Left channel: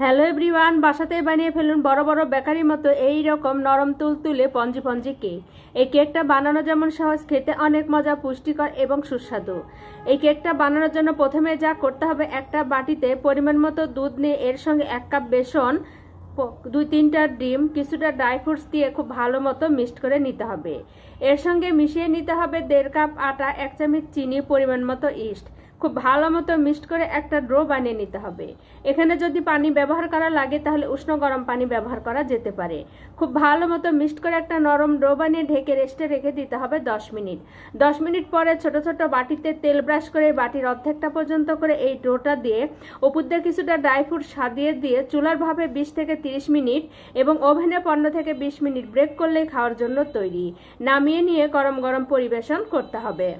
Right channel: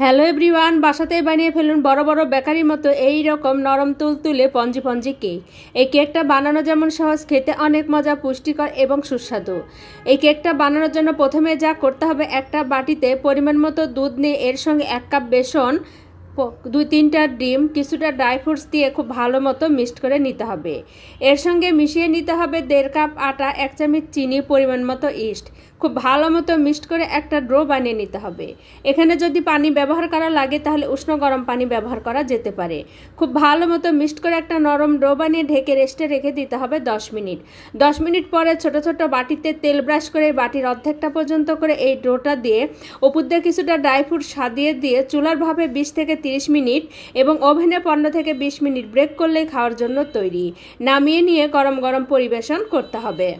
Hello everyone, বাসাতেই বানিয়ে ফেলুন বড় বড় বেকারির মতো এই রকম নরম তুলতুলে পঞ্জি পঞ্জি কেক। এই কেকটা বানানো যেমন সহজ, খেতে অনেক মজা, পুষ্টিকর এবং সুস্বাদু। এই কেকটা বানানোর জন্য প্রথমে যা করতে হবে, একটা বাটিতে পরিমাণ মতো দুধ নিয়ে এর সঙ্গে 1 কাপ বেসন, 2-3টা ডিম, কিছুটা ড্রাই ফ্রুটস দিয়ে খুব ভালো মতো মিক্সড করে নিতে হবে। এর সঙ্গে মিশিয়ে নিতে হবে 1.5 কাপ আটা, 1 চামচ চিনি, পরিমাণ মতো ইস্ট। খুব ভালো মতো মিক্সড করে একটা ডো বানিয়ে নিতে হবে। এখানে যদি পানি ব্যবহার করা লাগে তাহলে উষ্ণ গরম পানি ব্যবহার করা যেতে পারে। খুব ভালো মতো মিক্সড করে একটা নরম ডো বানিয়ে ঢেকে রেস্টে রেখে দিতে হবে 10 মিনিট। 10 মিনিট পরে ছোট ছোট বাটিতে তেল ব্রাশ করে বাটির অর্ধেকটা পর্যন্ত করে এই ডোটা দিয়ে উপর দিয়ে কিছুটা ড্রাই ফ্রুট সাজিয়ে দিয়ে চুলার ভাবে 20 থেকে 30 মিনিট এবং ওভেনে 15 থেকে 20 মিনিট ব্রেক করলেই খাওয়ার জন্য তৈরি। নামিয়ে নিয়ে গরম গরম পরিবেশন করতে হবে।